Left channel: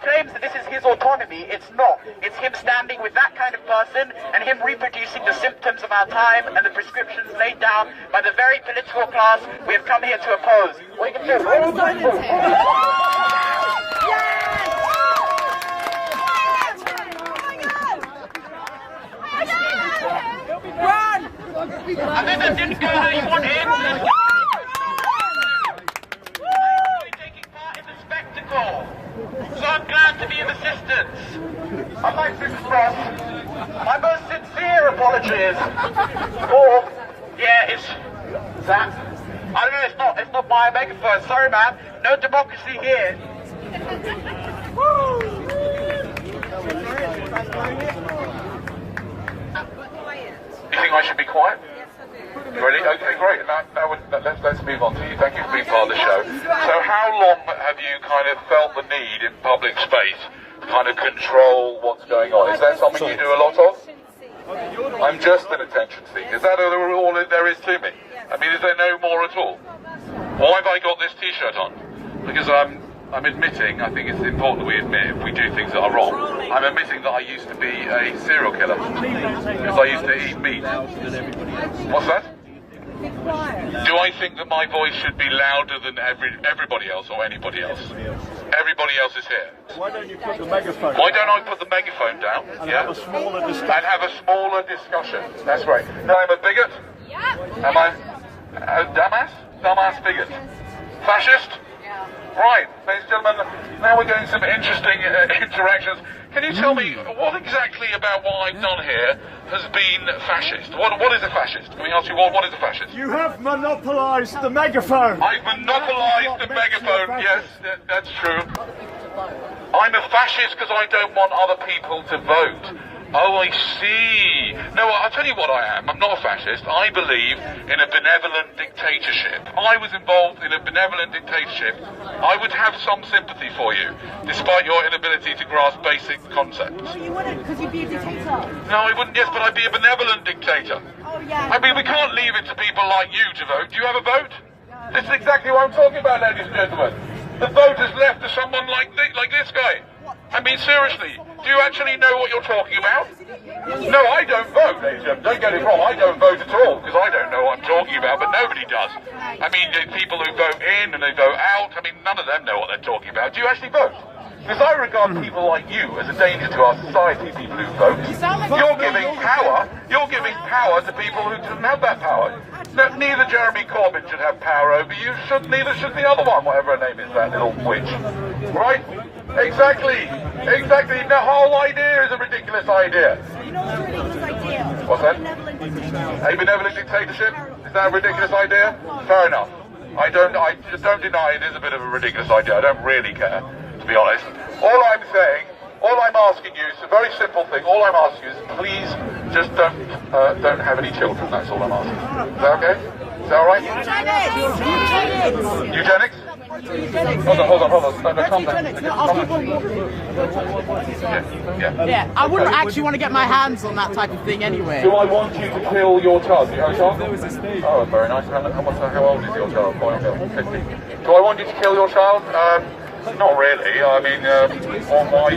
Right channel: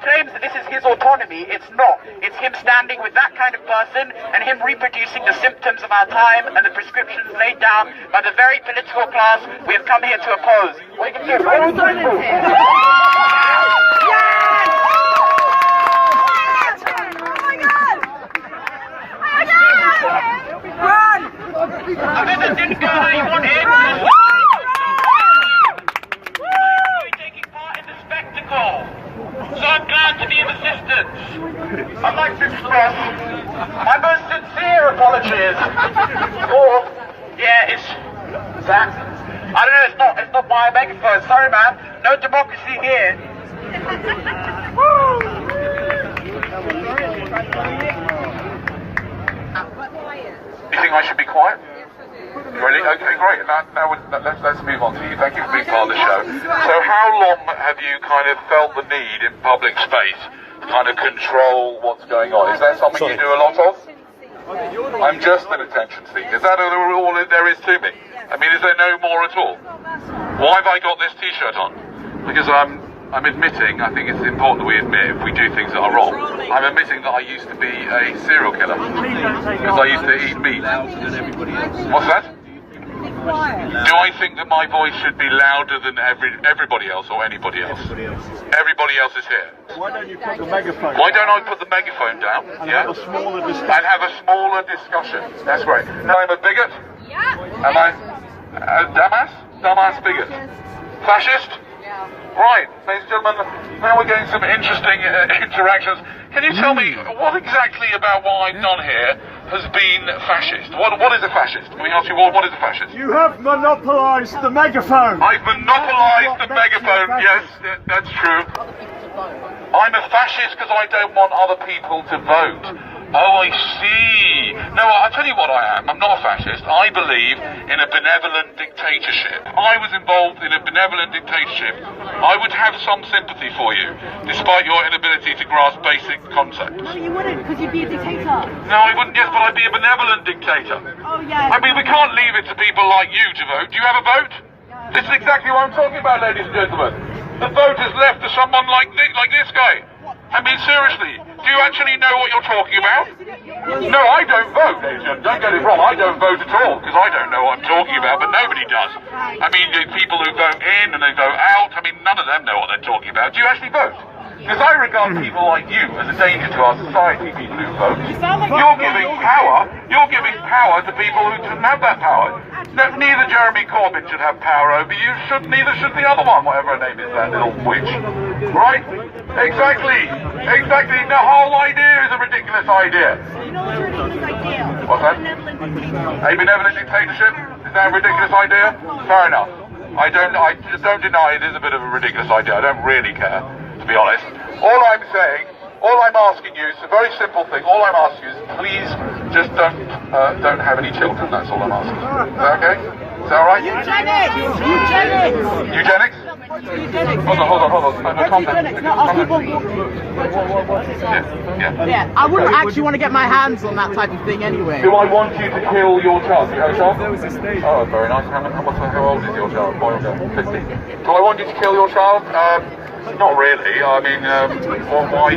claims that this is his autonomy, it's not. It's him standing with that kind of person and him reproducing the symptoms of our time and the prescriptions laid down by the very political class we have come here to oppose. We can get rid of him. Run! I mean, that didn't go how you wanted. Taking part in the spectacle. So I'm glad to be of assistance. I'd like to express my most sincere apologies for, it's that. I don't know, it's not by a megaphone. Sorry, man. No democracy here. You think I should be quiet? Yes, I do. Really? Okay, great. Let's move on to you. Thank you for being part of the show. So how long have you kind of felt the need in public space to kind of control what's going on? Is that something you do a lot of? I'm just an attention seeker. Is that all there is to me? I mean, is there no more at all? Why have I got this T-shirt on? Because I'm admitting, I think it's important that we admit if we do things that are wrong. I'm admitting that I used to be a serial killer. Because I used to eat meat. What's that? Do I think that my voice should be louder than everybody else or anybody else? Everybody else is here. Why don't you put the megaphone Why don't I put the megaphone down? and have a smaller discussion? And have a smaller discussion. That's right. No, I'm a bigot? Yeah. Am I a dumbass? Dumbass bigot. Fascist? Right, ladies and gentlemen, now we're getting some interesting interactions. Can you tell me what exactly about what I've done here has been fascist? What is a fascist? Can we ask you what is a fascist? You have monopolised the megaphone. I've monopolised the megaphone, yes, that's true. I'm a fascist because I don't want other people to vote. Oh, I see. No, I'll tell you what I am. I'm not a fascist. I believe in a benevolent dictatorship. If I was involved in a benevolent dictatorship, I would have some sympathy for you, despite your inability to grasp basic concepts. No, you wouldn't, because you'd be a dictator. No, I wouldn't, yes, but I'd be a benevolent dictator. Oh, yeah. I mean, we can't leave it to people like you to vote. Do you have a vote? This is exactly what I'm talking about, ladies and gentlemen. The vote is left to someone like this guy. I mean, seriously, do you actually know what you're talking about? No, I don't vote, ladies and gentlemen. Don't get it wrong, I don't vote at all, because I don't know what I'm talking about, but nobody does. I mean, the people who vote in and they vote out, I mean, none of them know what they're talking about. Do you actually vote? Because I regard people like you as a danger to our society, people who vote. You're giving power to people who shouldn't have that power. No, neither Jeremy Corbyn should have power over you, neither should the other one, whatever her name is, that little witch. Right? Exactly. The whole idea is a ridiculous idea. You know what's a ridiculous idea? What's that? A A benevolent dictatorship? Is that a ridiculous idea? Fair enough. I just don't deny it is a bit of a ridiculous idea. I don't really care, to be honest. All I'm asking you is a very simple thing. All I'm asking you is please just don't have any children. That's all I'm asking. Is that okay? Is that all right? Eugenics? Hold on. No, calm down. Yeah, I wouldn't actually want to get my hands on that type of thing anyway. Do I want you to kill your child? Do you have a child? Oh, very nice. How old is your child? 50. Do I want you to kill your child? Not really. I mean, why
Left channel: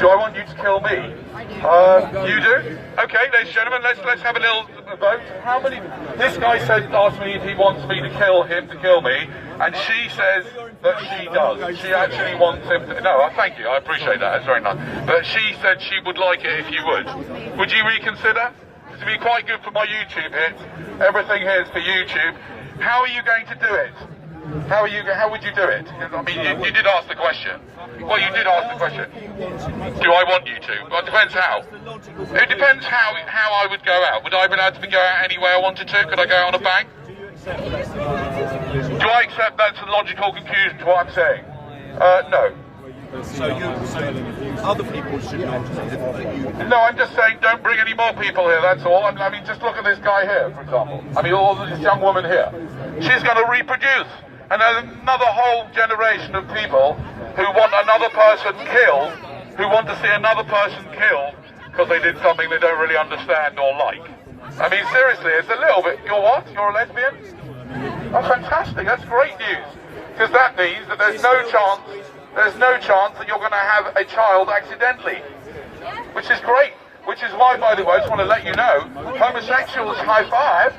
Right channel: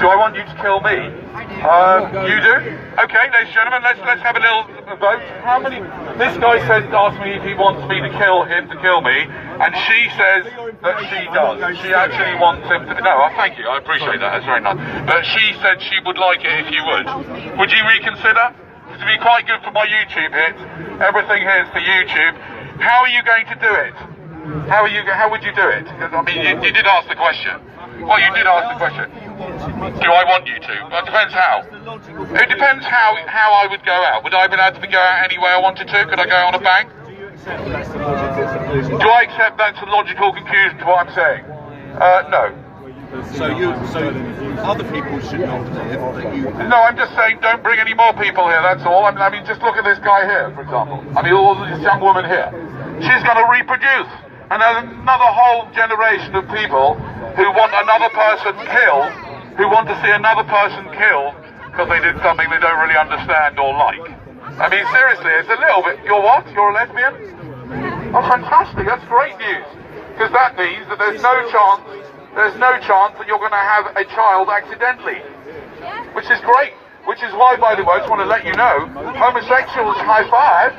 do I want you to kill me? You do? Okay, ladies and gentlemen, let's have a little vote. How many? This guy asked me if he wants me to kill him to kill me, and she says that she does. She actually wants him to. No, thank you. I appreciate that. That's very nice. But she said she would like it if you would. Would you reconsider? It would be quite good for my YouTube hits. Everything here is for YouTube. How are you going to do it? How would you do it? I mean, you did ask the question. Well, you did ask the question. Do I want you to? Well, it depends how. It depends how I would go out. Would I be allowed to go out any way I wanted to? Could I go out on a bang? Do I accept that's a logical conclusion to what I'm saying? No. So other people should not. No, I'm just saying don't bring any more people here, that's all. I mean, just look at this guy here, for example. I mean, all this young woman here. She's going to reproduce. And there's another whole generation of people who want another person killed, who want to see another person killed because they did something they don't really understand or like. I mean, seriously, it's a little bit... You're what? You're a lesbian? Oh, fantastic. That's great news. Because that means that there's no chance there's no chance that you're going to have a child accidentally, which is great. Which is why, by the way, I just want to let you know, homosexuals high five,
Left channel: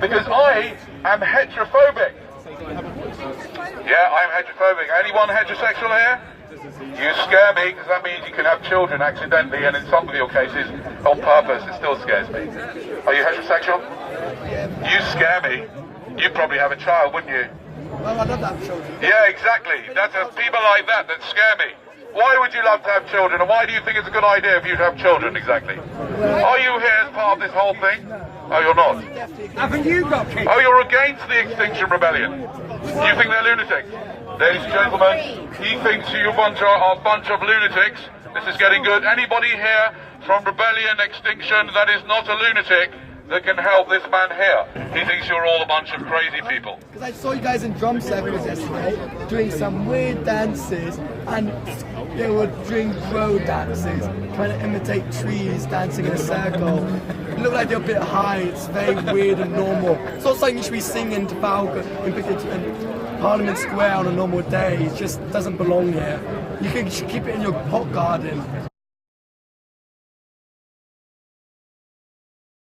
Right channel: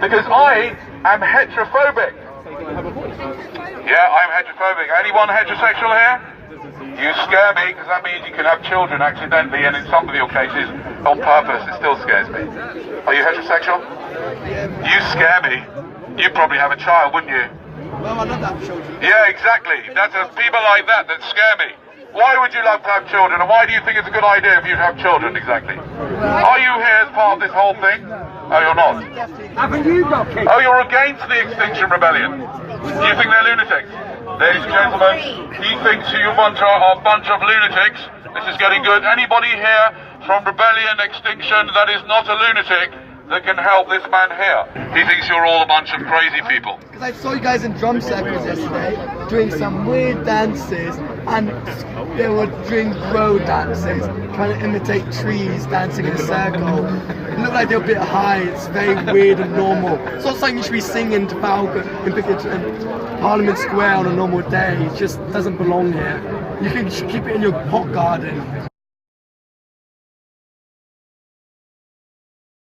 because I am heterophobic. Yeah, I'm heterophobic. Anyone heterosexual here? You scare me, because that means you can have children accidentally, and in some of your cases, on purpose. It still scares me. Are you heterosexual? You scare me. You'd probably have a child, wouldn't you? Well, I don't have children. Yeah, exactly. That's people like that scare me. Why would you love to have children, and why do you think it's a good idea if you have children, exactly? Are you here as part of this whole thing? No, you're not. Haven't you got kids? Oh, you're against the Extinction Rebellion. You think they're lunatics? Ladies and gentlemen, he thinks you are a bunch of lunatics. This is getting good. Anybody here from Rebellion, Extinction that is not a lunatic that can help this man here? He thinks you're all a bunch of crazy people. Because I saw you guys in drum circles yesterday doing some weird dances, and they were doing crow dances, trying to imitate trees dancing in a circle. It looked like they were a bit high. It's very weird and normal. It's not something you should be singing to in Parliament Square on a normal day. It just doesn't belong here. You should keep it in your hot garden